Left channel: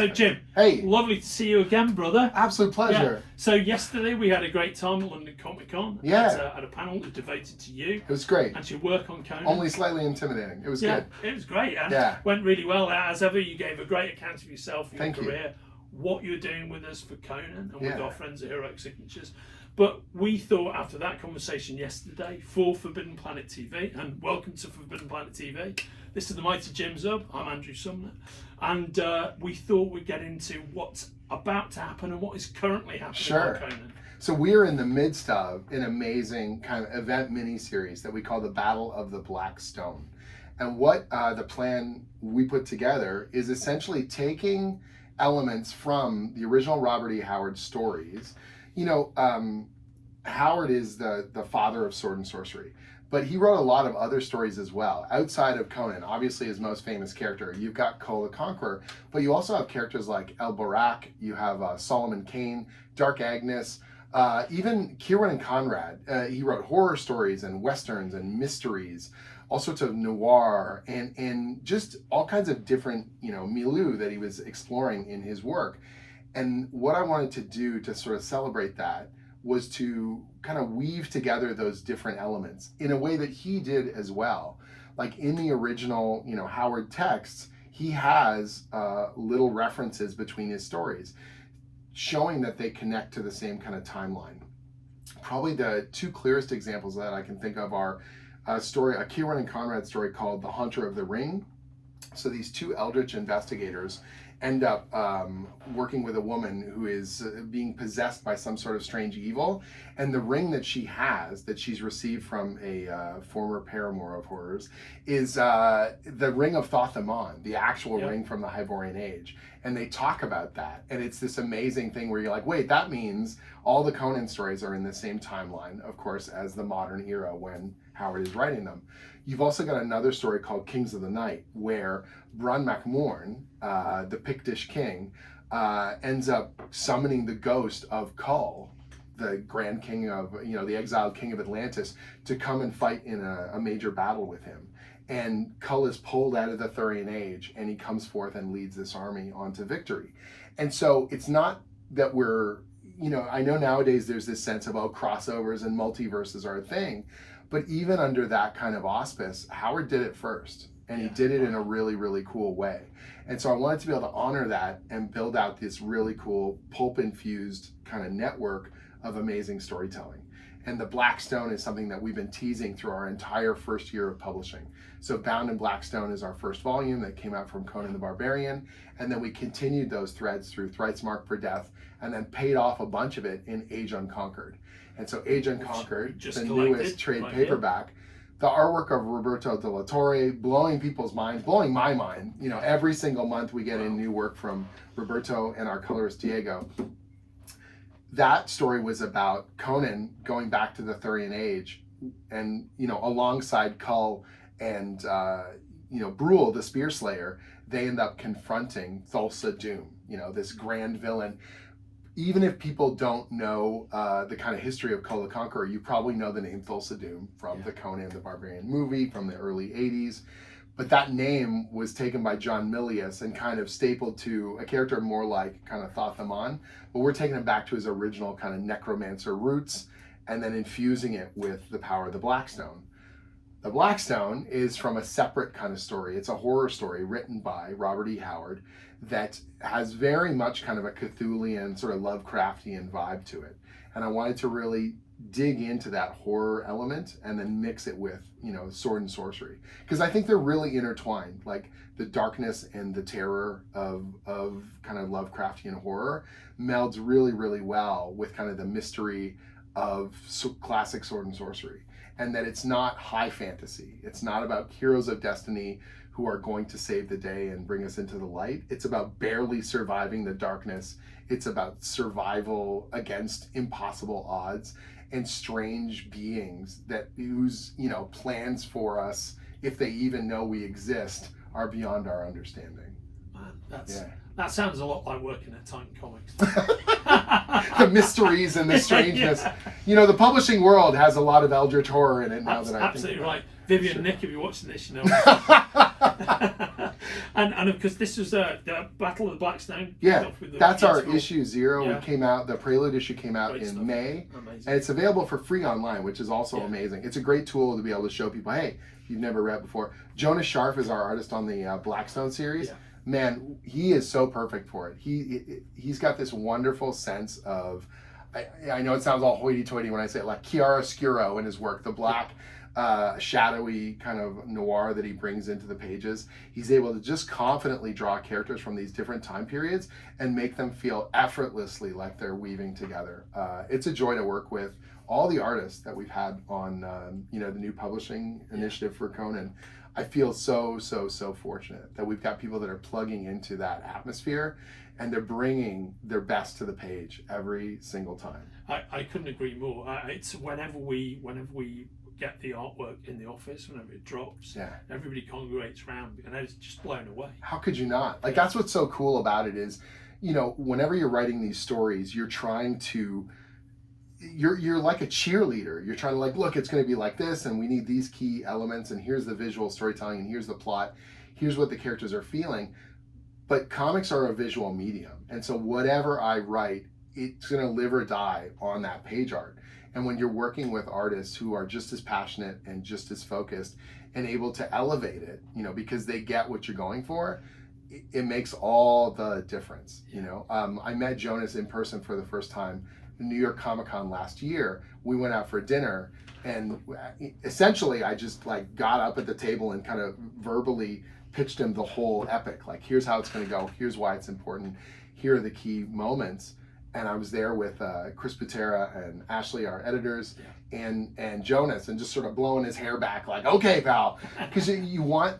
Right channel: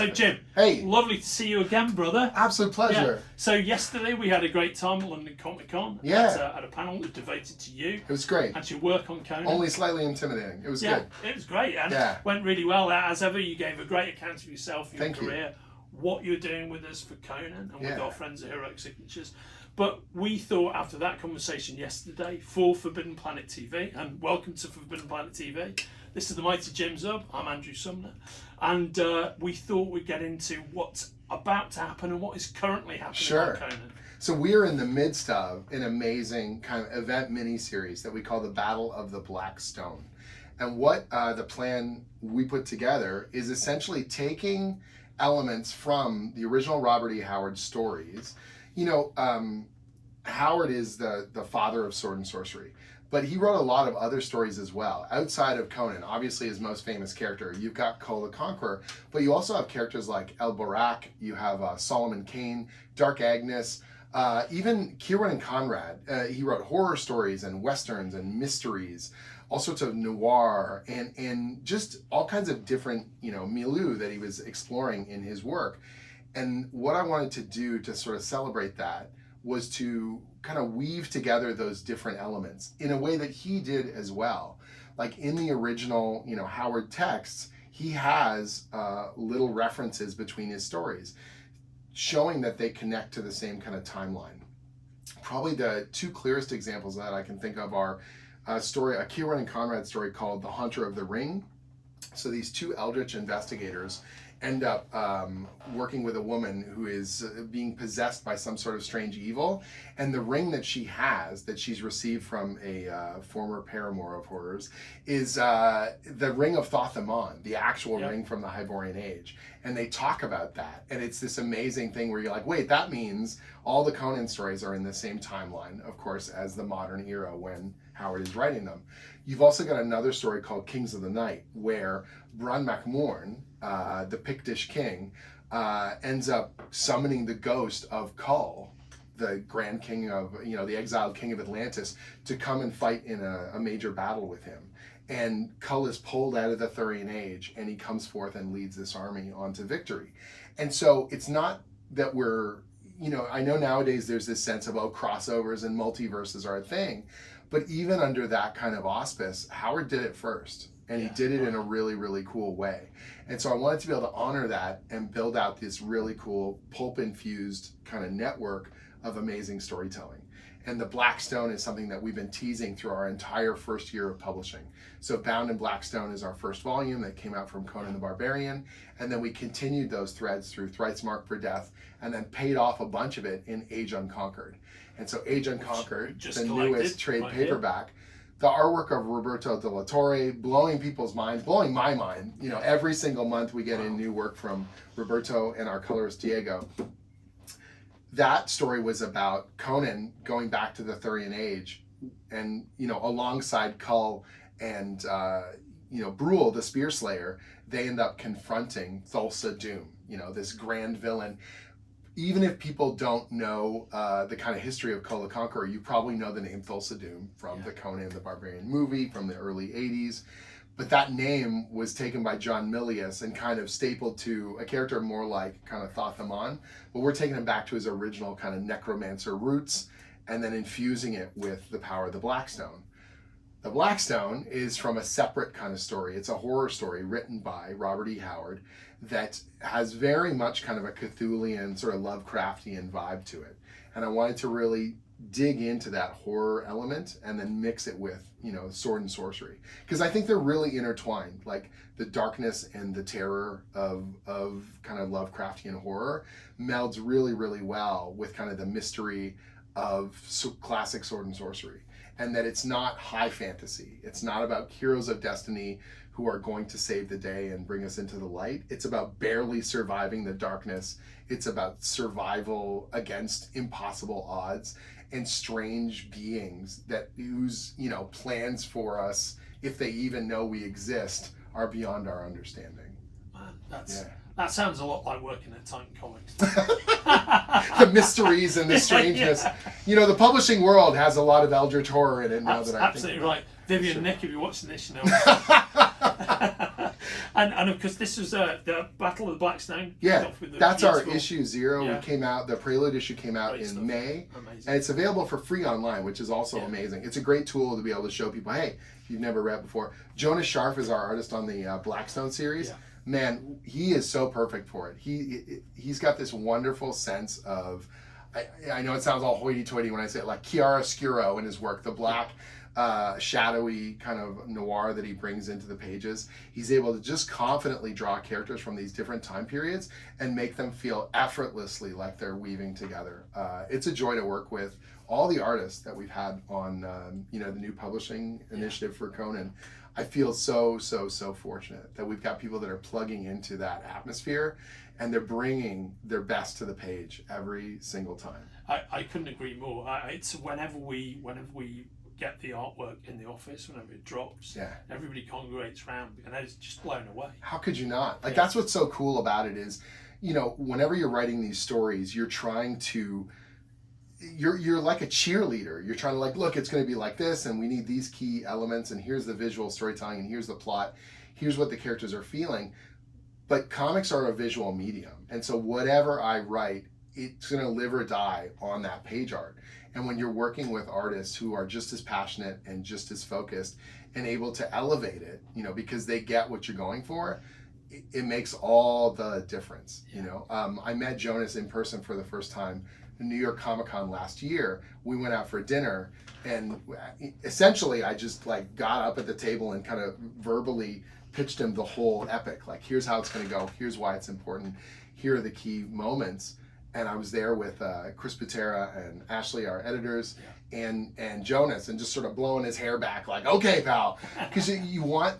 So Jim, hey, lovely to see you again, brother. Absolute pleasure. Yeah. So yesterday we had a great time at London Comic Con. Yeah. At a panel devoted to you. It was great. And your work on Conan. Only slightly intimidating. It was good. It was great. And went really well. As ever, you gave a great account of yourself and your career, what you're doing with us for Conan and with our friends at Heroic Signatures. But we thought after that conversation yesterday for Forbidden Planet TV, and welcome to Forbidden Planet TV. This is the mighty Jim Zub. I'm Andrew Sumner. And we thought we'd get into what's about to happen and what is currently happening on Conan. So we're in the midst of an amazing kind of event mini-series that we call the Battle of the Black Stone. And what the plan we put together is essentially taking elements from the original Robert E. Howard stories. You know, Howard is the father of sword and sorcery, but he wrote a lot of other stories as well. Outside of Conan, obviously his most famous character, you've got Kull the Conqueror, but you also have characters like El Barak, you have Solomon Kane, Dark Agnes, even Kieran and Conrad. He wrote horror stories and westerns and mysteries, all sorts of noir, and just all kinds of different, you know, milieu that he was exploring in his work. And what I wanted to do to sort of celebrate that was to kind of weave together those different elements in a way that he did as well. Like in the original, you know, Howard texts, he has little references between his stories, showing that they connect to the same kind of timeline. Probably the two clearest examples that I can think of are a Kieran and Conrad story called The Hunter of the Ring. So these two eldritch investigators end up working with a woman who is being possessed by some sort of strange evil, and the ring that she has, that she's received from a former paramour of hers, is the ring of Thoth-Amon, the actual ring from the Hyborian Age. And they talk about that, and it's this amazing thing where you're like, wait, that means all the Conan stories are in the same timeline, of course, as the modern era when Howard is writing them. You've also got another story called Kings of the Night, where Bran MacMorn, the Pictish king, ends up summoning the ghost of Kull, the Grand King of, you know, the exiled king of Atlantis, to come and fight in a major battle with him. And Kull is pulled out of the Thurian Age, and he comes forth and leads this army onto victory. And so it's not that we're, you know, I know nowadays there's this sense of, oh, crossovers and multiverses are a thing, but even under that kind of auspice, Howard did it first, and he did it in a really, really cool way. And so I wanted to be able to honor that and build out this really cool pulp-infused kind of network of amazing storytelling. And the Black Stone is something that we've been teasing through our entire first year of publishing. So Bound in Black Stone is our first volume that came out from Conan the Barbarian, and then we continued those threads through Thrice Marked for Death, and then paid off a bunch of it in Age Unconquered. And so Age Unconquered, the newest trade paperback, the artwork of Roberto De La Torre, blowing people's minds, blowing my mind. You know, every single month we get in new work from Roberto and our colorist Diego. That story was about Conan going back to the Thurian Age, and, you know, alongside Kull and, you know, Brule, the Spear Slayer, they end up confronting Thulsa Doom, you know, this grand villain. Even if people don't know the kind of history of Kull the Conqueror, you probably know the name Thulsa Doom from the Conan the Barbarian movie from the early 80s. But that name was taken by John Milius and kind of stapled to a character more like kind of Thoth-Amon. But we're taking him back to his original kind of necromancer roots and then infusing it with the power of the Black Stone. The Black Stone is from a separate kind of story. It's a horror story written by Robert E. Howard that has very much kind of a Cthulhian, sort of Lovecraftian vibe to it. And I wanted to really dig into that horror element and then mix it with, you know, sword and sorcery. Because I think they're really intertwined. Like the darkness and the terror of kind of Lovecraftian horror melds really, really well with kind of the mystery of classic sword and sorcery. And that it's not high fantasy. It's not about heroes of destiny who are going to save the day and bring us into the light. It's about barely surviving the darkness. It's about survival against impossible odds and strange beings that whose, you know, plans for us, if they even know we exist, are beyond our understanding. man, that sounds a lot like working at Titan Comics. The mysteries and the strangeness. You know, the publishing world has a lot of eldritch horror in it now that I think. Absolutely right. Vivian, Nick, if you're watching this, you know. and of course, this was the Battle of the Blackstone. Yeah, that's our issue 0. Yeah. We came out, the Prelude issue came out in May. Amazing. And it's available for free online, which is also amazing. It's a great tool to be able to show people, hey, if you've never read before. Jonas Scharf is our artist on the Blackstone series. Yeah. Man, he is so perfect for it. He's got this wonderful sense of, I know it sounds all hoity-toity when I say it, like chiaroscuro in his work, the black, shadowy kind of noir that he brings into the pages. He's able to just confidently draw characters from these different time periods and make them feel effortlessly like they're weaving together. It's a joy to work with all the artists that we've had on you know, the new publishing initiative for Conan. I feel so fortunate that we've got people that are plugging into that atmosphere and they're bringing their best to the page every single time. I couldn't agree more. It's whenever we get the artwork in the office, whenever it drops, everybody congregates around and I was just blown away. How could you not? Like, that's what's so cool about it is, you know, whenever you're writing these stories, you're trying to, you're like a cheerleader. You're trying to like, look, it's going to be like this, and we need these key elements, and here's the visual storytelling, and here's the plot, here's what the characters are feeling. But comics are a visual medium, and so whatever I write, it's going to live or die on that page art. And when you're working with artists who are just as passionate and just as focused and able to elevate it, you know, because they get what you're going for, it makes all the difference. You know, I met Jonas in person for the first time in New York Comic Con last year. We went out for dinner, and essentially I just like got up at the table and kind of verbally pitched him the whole epic. Like, here's how it's going to go. Here's why it's important. Here are the key moments. And I was there with Chris Patera and Ashley, our editors, and Jonas, and just sort of blowing his hair back like, okay, pal, because you want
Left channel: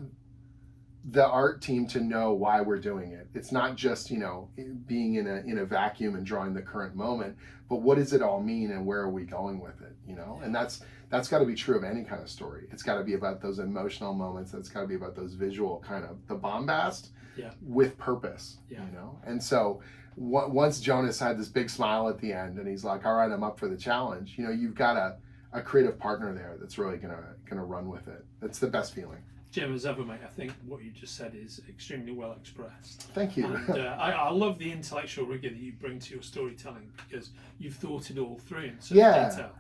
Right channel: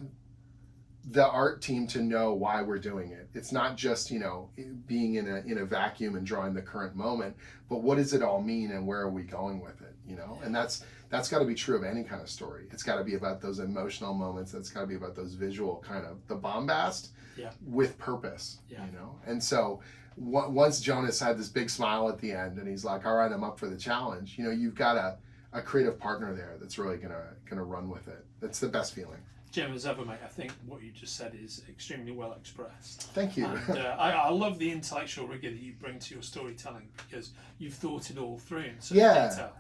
the art team to know why we're doing it. It's not just, you know, being in a vacuum and drawing the current moment, but what does it all mean and where are we going with it, you know? And that's got to be true of any kind of story. It's got to be about those emotional moments. It's got to be about those visual kind of the bombast with purpose, you know? And so once Jonas had this big smile at the end and he's like, all right, I'm up for the challenge, you know, you've got a creative partner there that's really gonna run with it. That's the best feeling. Jim Zub, mate, I think what you just said is extremely well expressed. Thank you. And I love the intellectual rigor that you bring to your storytelling because you've thought it all through in such detail.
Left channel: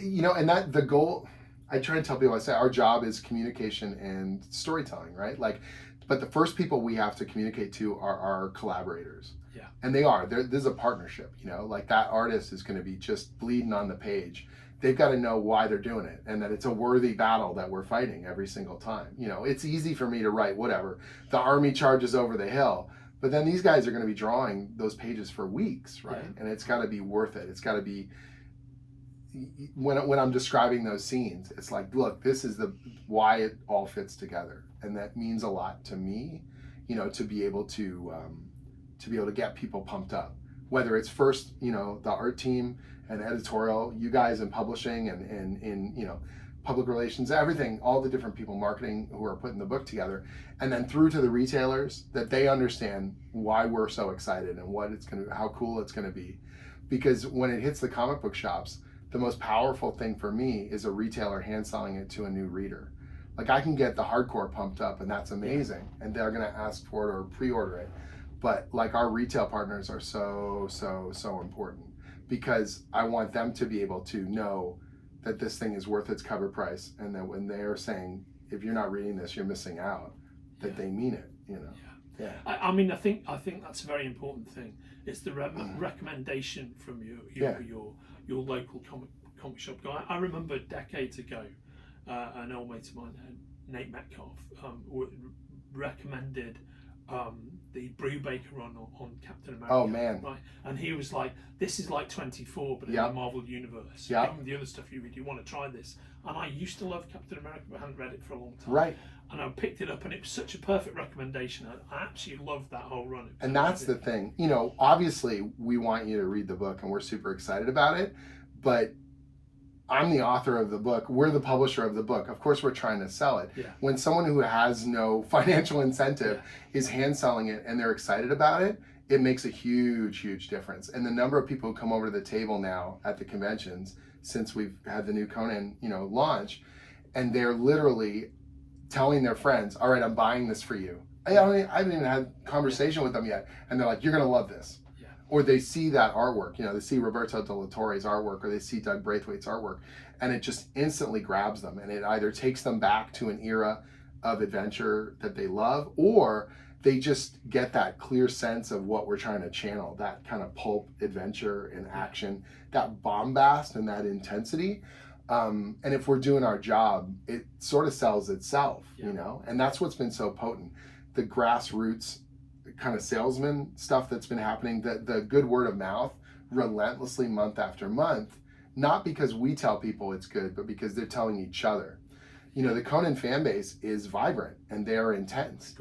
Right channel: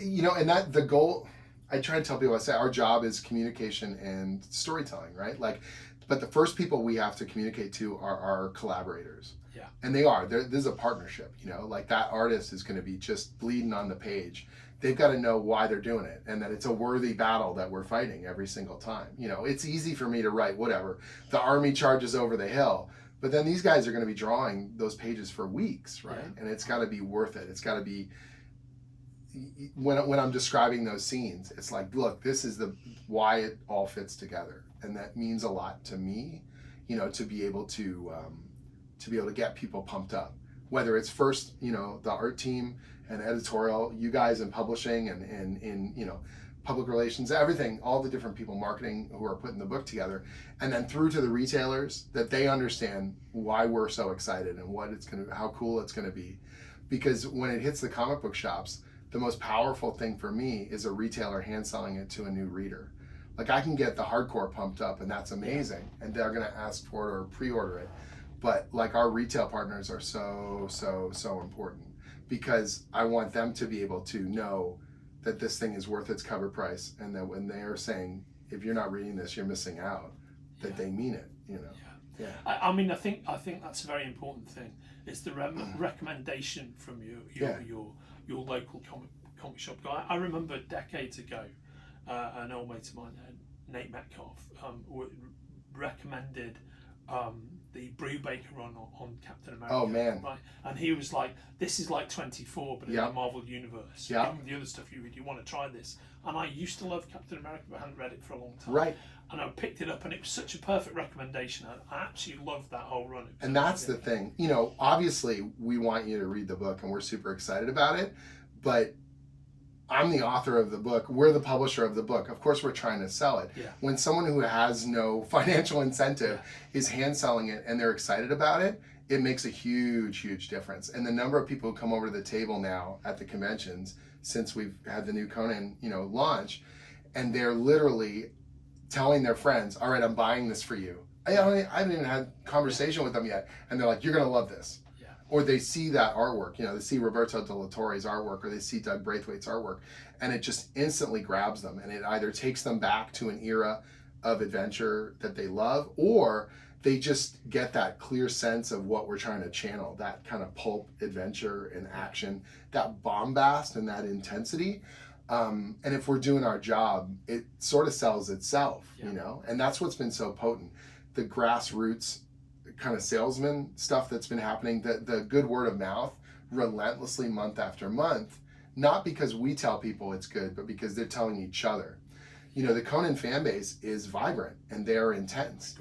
You know, and that the goal, I try to tell people, I say our job is communication and storytelling, right? Like, but the first people we have to communicate to are our collaborators. Yeah. And they are. There's a partnership, you know, like that artist is going to be just bleeding on the page. They've got to know why they're doing it and that it's a worthy battle that we're fighting every single time. You know, it's easy for me to write whatever. The army charges over the hill. But then these guys are going to be drawing those pages for weeks, right? Yeah. And it's got to be worth it. It's got to be, when I'm describing those scenes, it's like, look, this is why it all fits together. And that means a lot to me, you know, to be able to get people pumped up, whether it's first, you know, the art team and editorial, you guys in publishing and you know, public relations, everything, all the different people, marketing, who are putting the book together, and then through to the retailers, that they understand why we're so excited and how cool it's gonna be. Because when it hits the comic book shops, the most powerful thing for me is a retailer hand selling it to a new reader. Like, I can get the hardcore pumped up and that's amazing, and they're gonna ask for it or pre-order it. But like, our retail partners are so important, because I want them to be able to know that this thing is worth its cover price, and that when they're saying, if you're not reading this, you're missing out, that they mean it, you know. Yeah. I mean, I think that's a very important thing. It's the recommendation from your local comic shop guy. I remember decades ago, an old mate of mine, Nate Metcalf, recommended the Brubaker run on Captain America. Oh man! Right, and he was like, "This is like 24, but in the Marvel universe. Yeah. The other stuff you read, you want to try this." And I used to love Captain America, but I hadn't read it for a long time. Right. And I picked it up, and it was such a perfect recommendation. I absolutely loved that whole run. And that's the thing, you know. Obviously, we want you to read the book, and we're super excited about it. But I'm the author of the book, we're the publisher of the book, of course we're trying to sell it. Yeah. When someone who has no financial incentive is hand selling it and they're excited about it, it makes a huge difference. And the number of people who come over to the table now at the conventions since we've had the new Conan, launch, and they're literally telling their friends, all right, I'm buying this for you. I haven't even had a conversation with them yet, and they're like, you're gonna love this. Or they see that artwork, they see Roberto De La Torre's artwork, or they see Dog Braithwaite's artwork, and it just instantly grabs them, and it either takes them back to an era of adventure that they love, or they just get that clear sense of what we're trying to channel, that kind of pulp adventure and action, that bombast and that intensity. And if we're doing our job, it sort of sells itself, and that's what's been so potent. The grassroots kind of salesman stuff that's been happening, the good word of mouth relentlessly month after month, not because we tell people it's good, but because they're telling each other. The Conan fan base is vibrant and they're intense.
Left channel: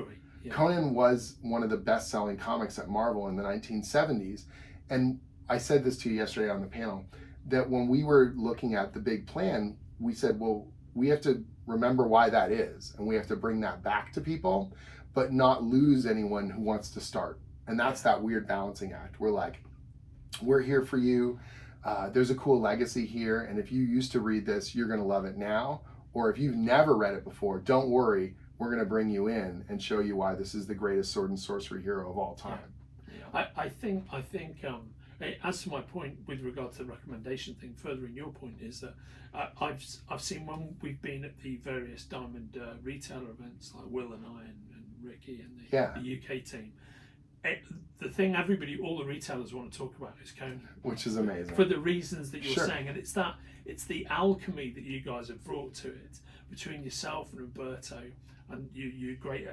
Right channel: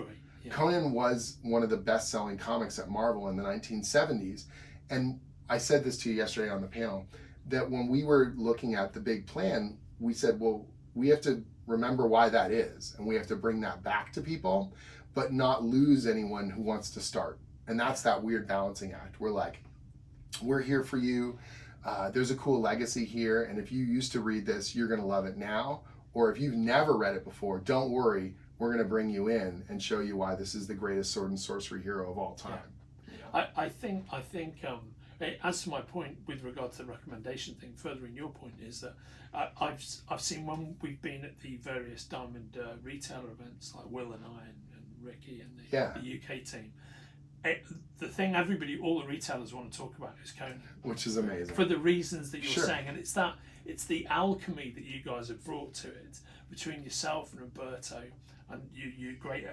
Conan was one of the best-selling comics at Marvel in the 1970s. And I said this to you yesterday on the panel, that when we were looking at the big plan, we said, well, we have to remember why that is, and we have to bring that back to people, but not lose anyone who wants to start. And that's that weird balancing act. We're like, we're here for you. There's a cool legacy here. And if you used to read this, you're gonna love it now. Or if you've never read it before, don't worry. We're gonna bring you in and show you why this is the greatest sword and sorcery hero of all time. I think as to my point with regard to the recommendation thing, furthering your point, is that I've seen when we've been at the various Diamond retailer events, like Will and I and Ricky and the UK team, the thing all the retailers want to talk about is Conan, which is amazing for the reasons that you're saying, and it's the alchemy that you guys have brought to it between yourself and Roberto and you great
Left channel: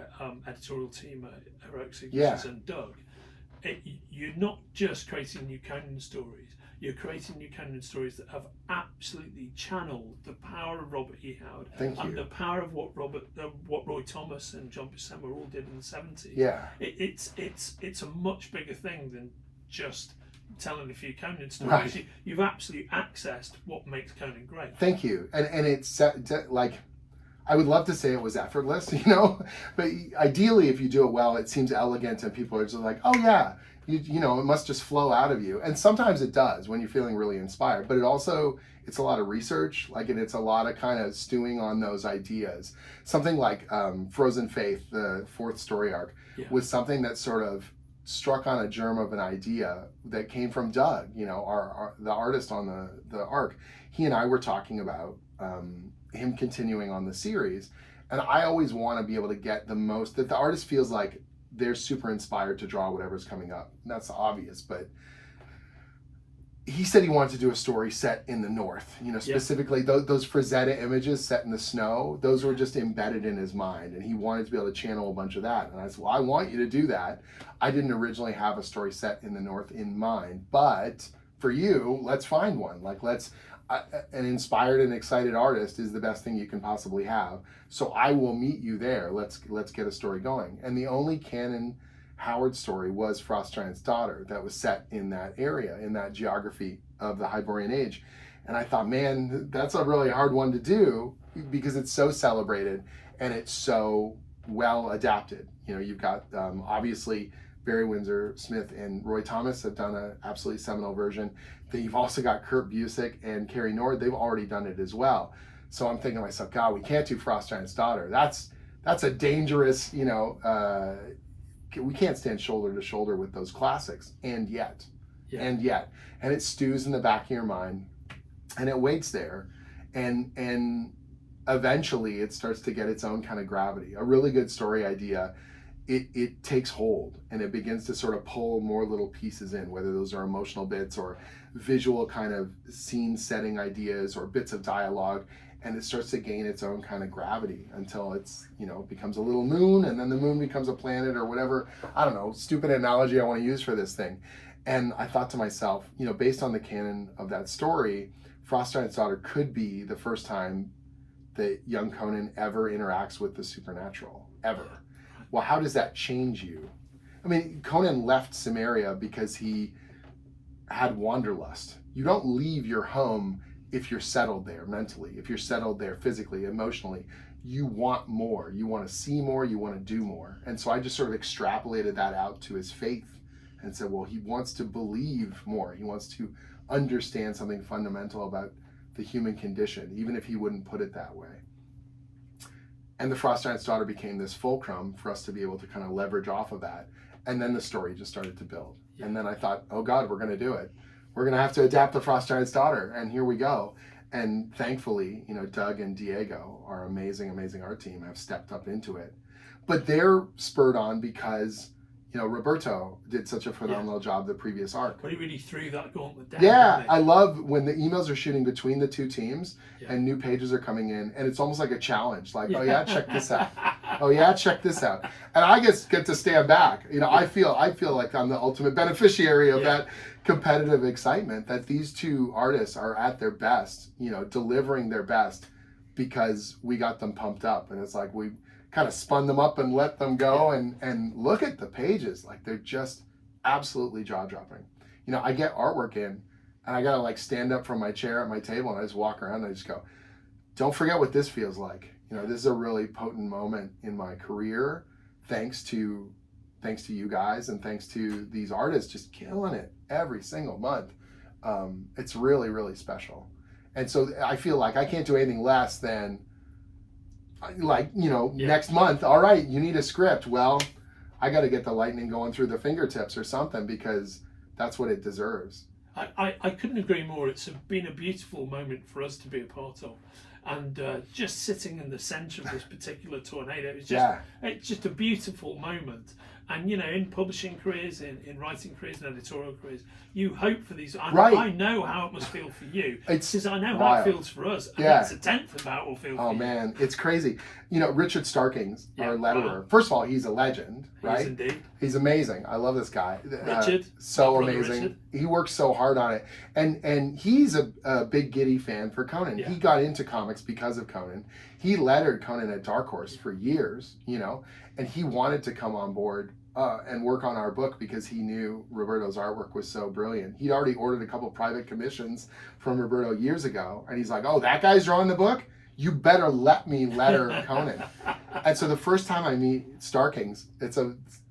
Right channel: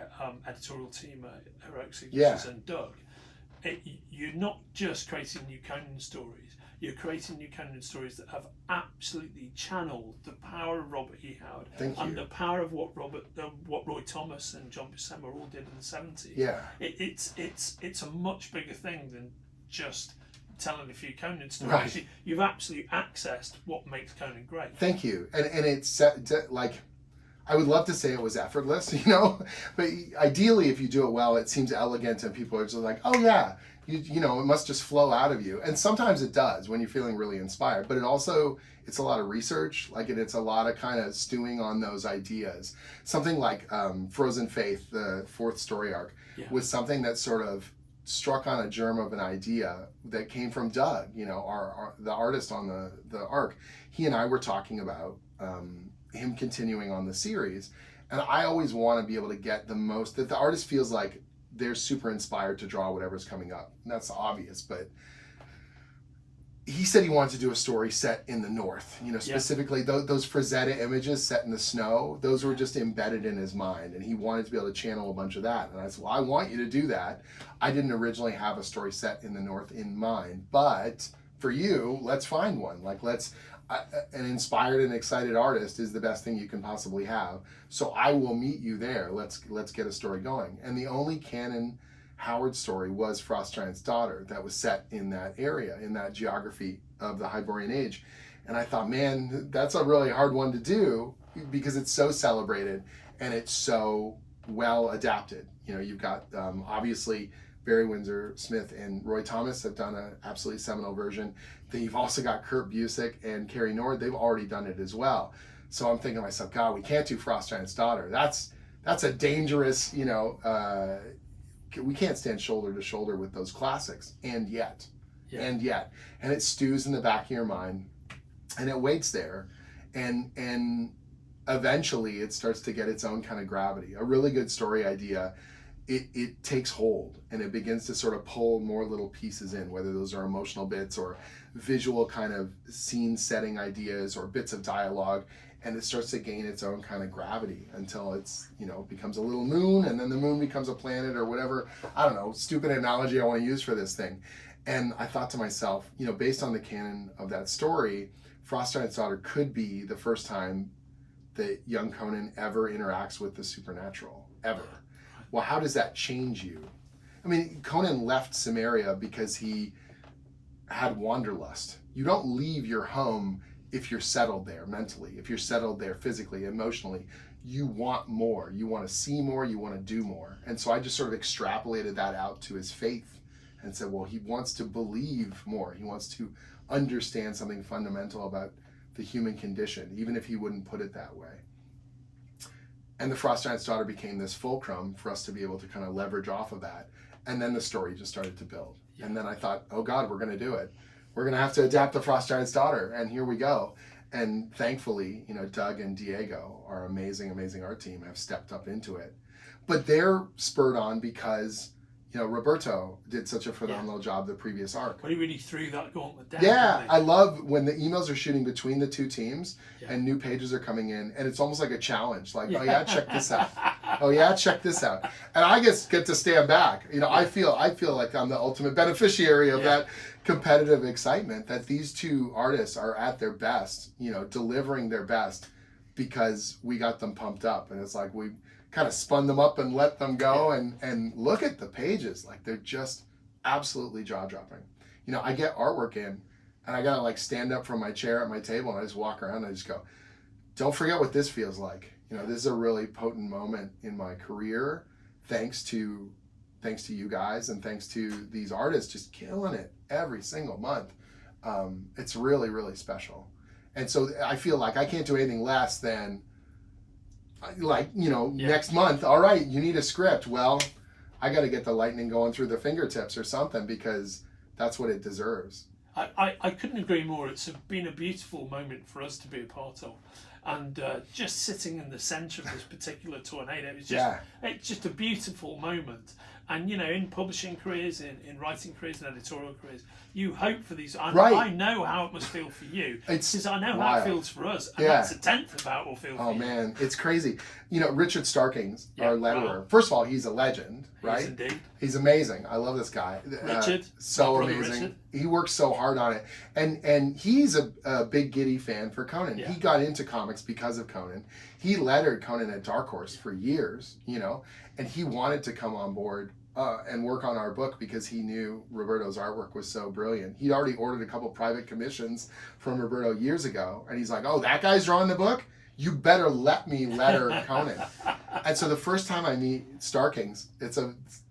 editorial team at Heroic Signatures and Doug. You're not just creating new Conan stories, you're creating new Conan stories that have absolutely channeled the power of Robert E. Howard and the power of what Roy Thomas and John Buscema all did in the 70s. It's a much bigger thing than just telling a few Conan stories. You've absolutely accessed what makes Conan great. Thank you. And it's like, I would love to say it was effortless, but ideally if you do it well, it seems elegant and people are just like, oh yeah, it must just flow out of you. And sometimes it does when you're feeling really inspired, but it's a lot of research, it's a lot of kind of stewing on those ideas. Something like Frozen Faith, the 4th story arc, was something that sort of struck on a germ of an idea that came from Doug, the artist on the arc. He and I were talking about him continuing on the series, and I always want to be able to get the most, that the artist feels like they're super inspired to draw whatever's coming up. And that's obvious, but he said he wanted to do a story set in the north, specifically those Frazetta images set in the snow, those were just embedded in his mind, and he wanted to be able to channel a bunch of that. And I said, well, I want you to do that. I didn't originally have a story set in the north in mind, but for you, let's find one. An inspired and excited artist is the best thing you can possibly have. So I will meet you there. Let's get a story going. And the only canon Howard story was Frost Giant's Daughter that was set in that area, in that geography of the Hyborian Age. And I thought, man, that's a really hard one to do because it's so celebrated and it's so well adapted. You've got obviously Barry Windsor Smith and Roy Thomas have done an absolutely seminal version. Then you've also got Kurt Busiek and Carrie Nord. They've already done it as well. So I'm thinking to myself, God, we can't do Frost Giant's Daughter. That's a dangerous, we can't stand shoulder to shoulder with those classics. And yet, and it stews in the back of your mind and it waits there. And eventually it starts to get its own kind of gravity. A really good story idea, it takes hold and it begins to sort of pull more little pieces in, whether those are emotional bits or visual kind of scene setting ideas or bits of dialogue, and it starts to gain its own kind of gravity until it's, becomes a little moon, and then the moon becomes a planet or whatever, I don't know, stupid analogy I want to use for this thing. And I thought to myself, based on the canon of that story, Frost Giant's Daughter could be the first time that young Conan ever interacts with the supernatural, ever. Well, how does that change you? I mean, Conan left Samaria because he had wanderlust. You don't leave your home if you're settled there mentally, if you're settled there physically, emotionally, you want more. You want to see more. You want to do more. And so I just sort of extrapolated that out to his faith and said, well, he wants to believe more. He wants to understand something fundamental about the human condition, even if he wouldn't put it that way. And the Frost Giant's Daughter became this fulcrum for us to be able to kind of leverage off of that. And then the story just started to build. Yeah. And then I thought, oh God, we're going to do it. We're going to have to adapt the Frost Giant's Daughter. And here we go. And thankfully, you know, Doug and Diego, our amazing, amazing art team, have stepped up into it. But they're spurred on because, you know, Roberto did such a phenomenal job the previous arc. But he really threw that gauntlet down. Yeah, I love when the emails are shooting between the two teams and new pages are coming in, and it's almost like a challenge. Like, oh yeah, check this out. Oh yeah, check this out. And I just get to stand back. You know, I feel like I'm the ultimate beneficiary of that competitive excitement that these two artists are at their best, you know, delivering their best because we got them pumped up. And it's like we kind of spun them up and let them go and look at the pages. Like they're just absolutely jaw-dropping. You know, I get artwork in and I gotta like stand up from my chair at my table and I just walk around and I just go, don't forget what this feels like. You know, this is a really potent moment in my career, thanks to you guys and thanks to these artists just killing it every single month. It's really, really special. And so I feel like I can't do anything less than like, you know, next month, all right, you need a script. Well, I got to get the lightning going through the fingertips or something because that's what it deserves. I couldn't agree more. It's been a beautiful moment for us to be a part of. And just sitting in the centre of this particular tornado, it's just a beautiful moment. And, you know, in publishing careers, in writing careers and editorial careers, you hope for these. I know how it must feel for you. Because I know how it feels for us. And that's a tenth of how it will feel for you. Oh, man, it's crazy. You know, Richard Starkings, our letterer, first of all, he's a legend, right? He is indeed. He's amazing. I love this guy. Richard. So amazing. Richard. He works so hard on it. And he's a big giddy fan for Conan. He got into comics because of Conan. He lettered Conan at Dark Horse for years, you know, and he wanted to come on board and work on our book because he knew Roberto's artwork was so brilliant. He'd already ordered a couple private commissions from Roberto years ago, and he's like, oh, that guy's drawing the book? You better let me letter Conan. And so the first time I meet Starkings, it's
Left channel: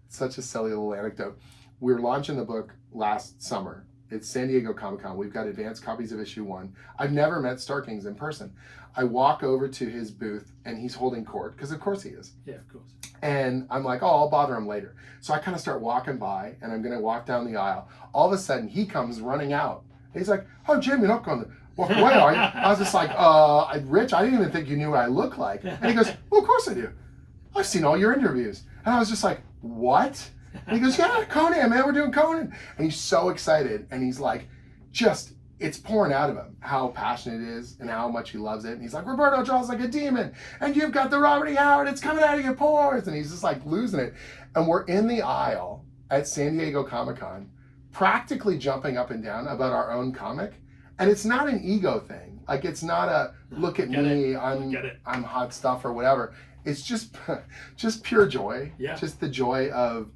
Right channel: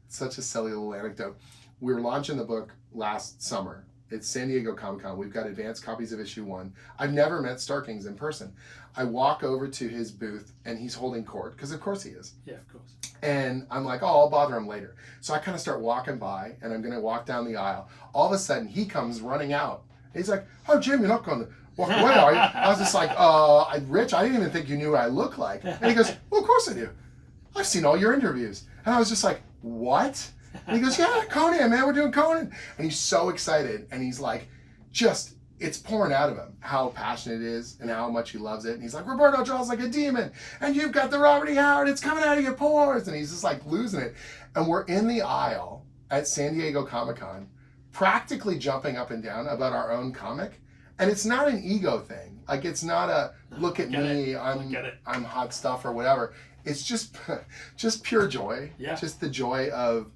such a silly little anecdote. We were launching the book last summer. It's San Diego Comic-Con. We've got advanced copies of issue 1. I've never met Starkings in person. I walk over to his booth, and he's holding court, because of course he is. Yeah, of course. And I'm like, oh, I'll bother him later. So I kind of start walking by, and I'm going to walk down the aisle. All of a sudden, he comes running out. He's like, oh, Jim, you're not going to walk away, are you? I was just like, Rich, I didn't even think you knew what I look like. And he goes, well, of course I do. I've seen all your interviews. And I was just like, what? And he goes, yeah, Conan, man, we're doing Conan. And he's so excited. And he's like, it's pouring out of him how passionate it is and how much he loves it. And he's like, Roberto draws like a demon. And you've got the Robert E. Howard. It's coming out of your pores. And he's just like losing it. And we're in the aisle at San Diego Comic-Con, practically jumping up and down about our own comic. And it's not an ego thing. Like, it's not a, look at me, I'm hot stuff or whatever. It's just pure joy. Yeah. Just the joy of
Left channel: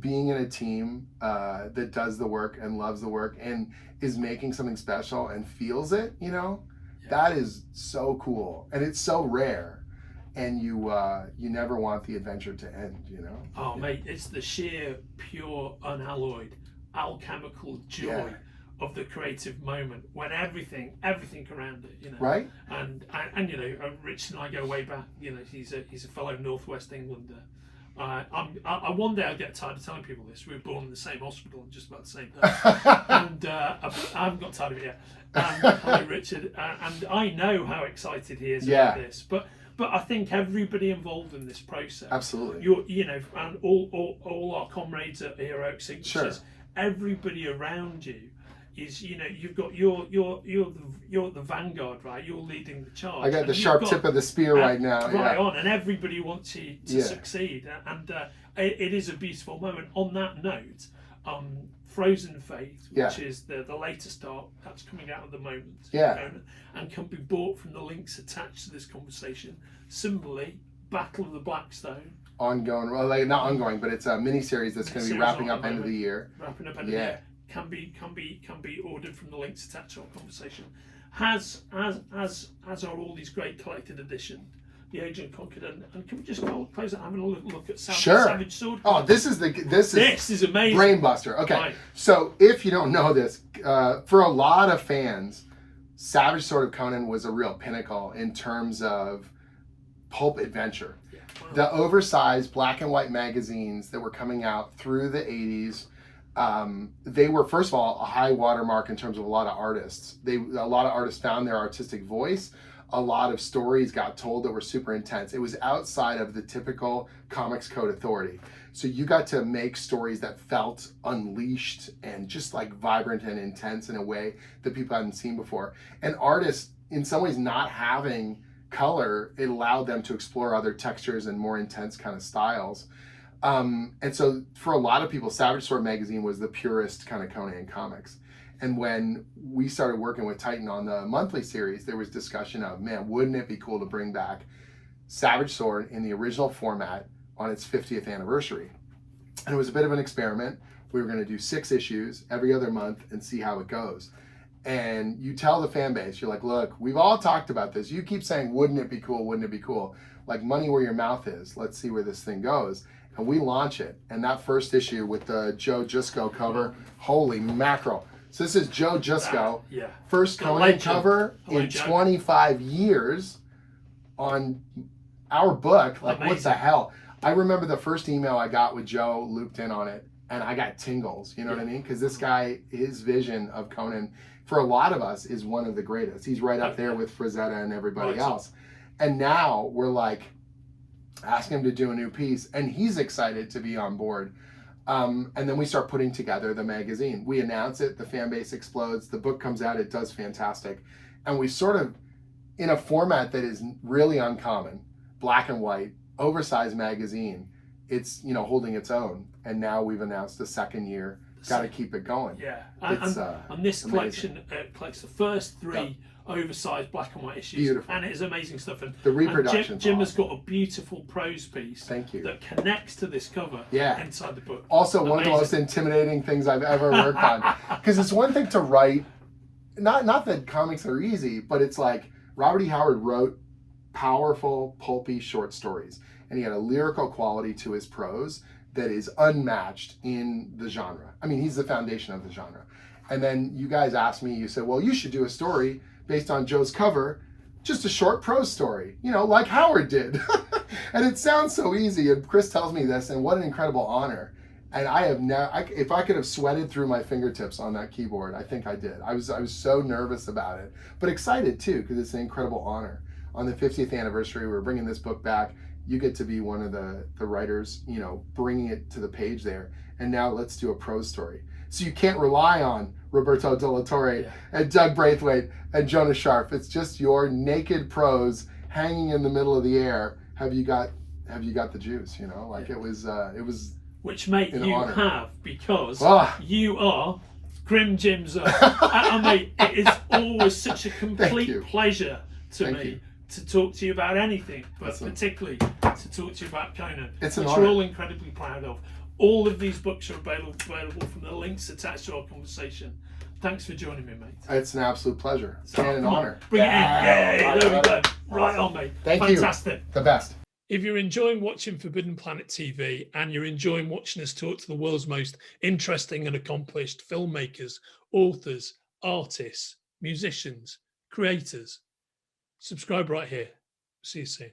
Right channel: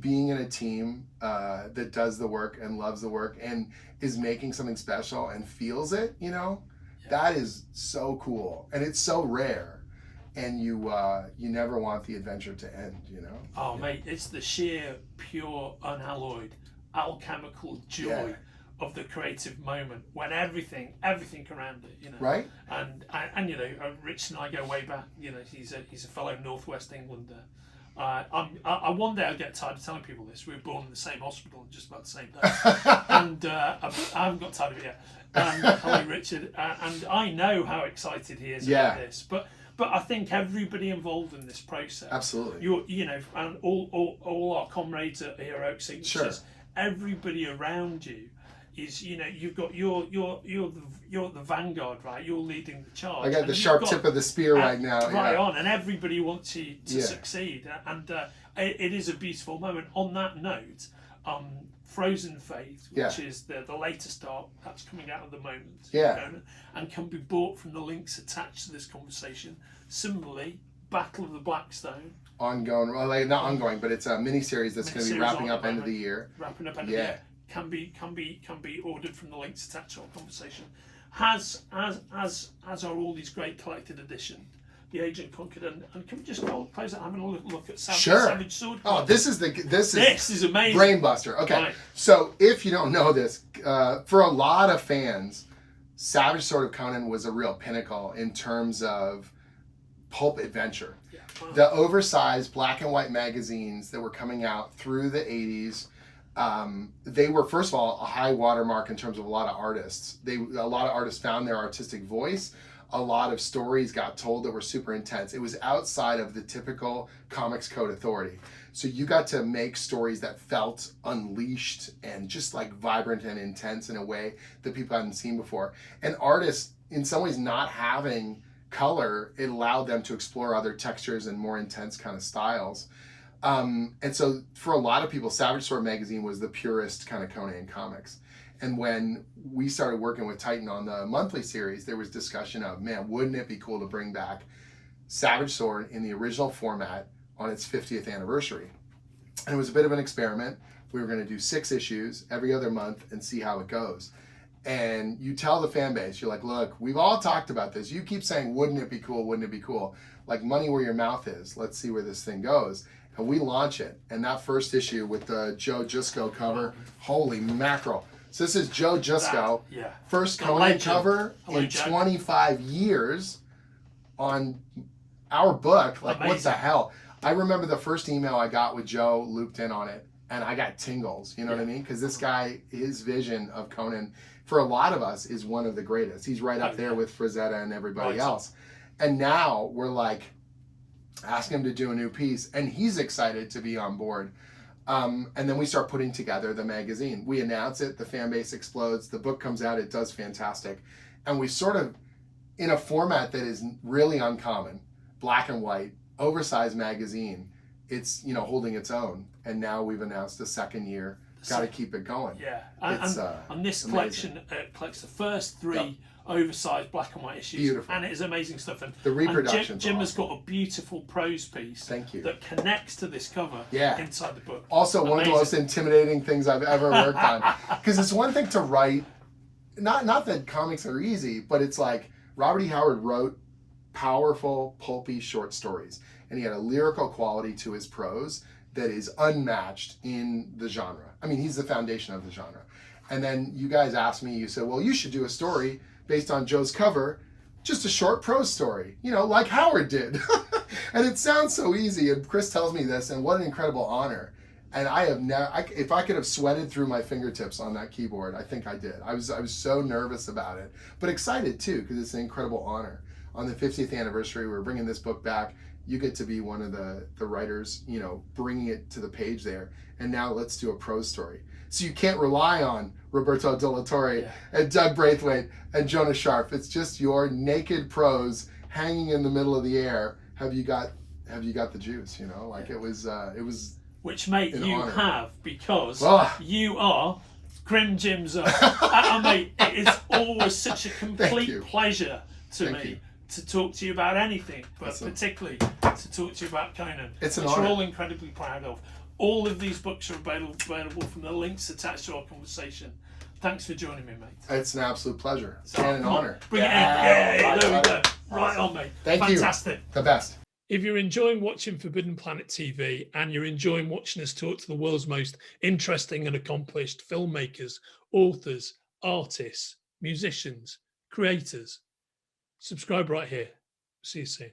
being in a team that does the work and loves the work and is making something special and feels it, you know? Yeah. That is so cool. And it's so rare. And you never want the adventure to end, you know? Oh, mate, it's the sheer, pure, unalloyed, alchemical joy of the creative moment when everything around it, you know. Right. And you know, Rich and I go way back. You know, he's a fellow Northwest Englander. I one day I'll get tired of telling people this. We were born in the same hospital, just about the same day, and I haven't got tired of it yet. Hello, Richard, and I know how excited he is about this, but I think everybody involved in this process, absolutely, you know, and all our comrades at Heroic Signatures, everybody around you is, you know, you've got you're the vanguard, right? You're leading the charge. I got the sharp tip of the spear right now. Right on, and everybody wants you to succeed, and it is a beautiful moment. On that note, Frozen Faith, which is the latest art that's coming out at the moment, and can be bought from the links attached to this conversation. Similarly, Battle of the Blackstone. Ongoing, well, like, not ongoing, but it's a mini-series that's going to be wrapping up end of the year. Wrapping up end of the year. Can be ordered from the links attached to our conversation. as are all these great collected editions. The Agent Conquered, and can we just close out having a look at Savage Sword? Oh, this is amazing. Brainbuster. Okay, right. So if you don't know this, for a lot of fans, Savage Sword of Conan was a real pinnacle in terms of pulp adventure. Yeah. Wow. The oversized black and white magazines that were coming out through the 80s, they were, first of all, a high watermark in terms of a lot of artists. A lot of artists found their artistic voice. A lot of stories got told that were super intense. It was outside of the typical Comics Code authority. So you got to make stories that felt unleashed and just like vibrant and intense in a way that people hadn't seen before. And artists, in some ways, not having color, it allowed them to explore other textures and more intense kind of styles. And so for a lot of people, Savage Sword magazine was the purest kind of Conan comics. And when we started working with Titan on the monthly series, there was discussion of, man, wouldn't it be cool to bring back Savage Sword in the original format on its 50th anniversary? And it was a bit of an experiment. We were going to do 6 issues every other month and see how it goes. And you tell the fan base, you're like, look, we've all talked about this. You keep saying, wouldn't it be cool? Wouldn't it be cool? Like money where your mouth is. Let's see where this thing goes. And we launch it. And that first issue with the Joe Jusko cover, holy mackerel. So this is Joe Jusko, first Conan cover in 25 years on our book. Like, amazing. What the hell? I remember the first email I got with Joe looped in on it, and I got tingles, you know what I mean? Because this guy, his vision of Conan, for a lot of us, is one of the greatest. He's right up there with Frazetta and everybody else. And now we're like, asking him to do a new piece, and he's excited to be on board. And then we start putting together the magazine. We announce it, the fan base explodes, the book comes out, it does fantastic. And we sort of, in a format that is really uncommon, black and white, oversized magazine, it's, you know, holding its own. And now we've announced the second year, got to keep it going. Yeah, and this collection collects the first 3 oversized black and white issues. Beautiful. And it is amazing stuff. And the reproduction. Jim has got a beautiful prose piece. Thank you. That connects to this cover inside the book. Also, one of the most intimidating things I've ever worked on. Because it's one thing to write, not that comics are easy, but it's like Robert E. Howard wrote powerful, pulpy short stories. And he had a lyrical quality to his prose that is unmatched in the genre. I mean, he's the foundation of the genre. And then you guys asked me, you said, well, you should do a story based on Joe's cover, just a short prose story, you know, like Howard did. And it sounds so easy, and Chris tells me this, and what an incredible honor. And I have never, if I could have sweated through my fingertips on that keyboard, I think I did. I was so nervous about it, but excited too, because it's an incredible honor. On the 50th anniversary, we're bringing this book back. You get to be one of the writers, you know, bringing it to the page there. And now let's do a prose story. So you can't rely on Roberto De La Torre and Dog Braithwaite and Jonas Scharf. It's just your naked prose hanging in the middle of the air. Have you got the juice? You know, like it was. Which, mate, you honor. Have, because you are Grim Jim Zub. Mate, it is always such a complete pleasure to me to talk to you about anything, but particularly to talk to you about Conan, which we're all incredibly proud of. All of these books are available from the links attached to our conversation. Thanks for joining me, mate. It's an absolute pleasure and an honor. Bring it in. Yeah, there we go. Right on, mate. Thank you. Fantastic. The best. If you're enjoying watching Forbidden Planet TV and you're enjoying watching us talk to the world's most interesting and accomplished filmmakers, authors, artists, musicians, creators, subscribe right here. See you soon.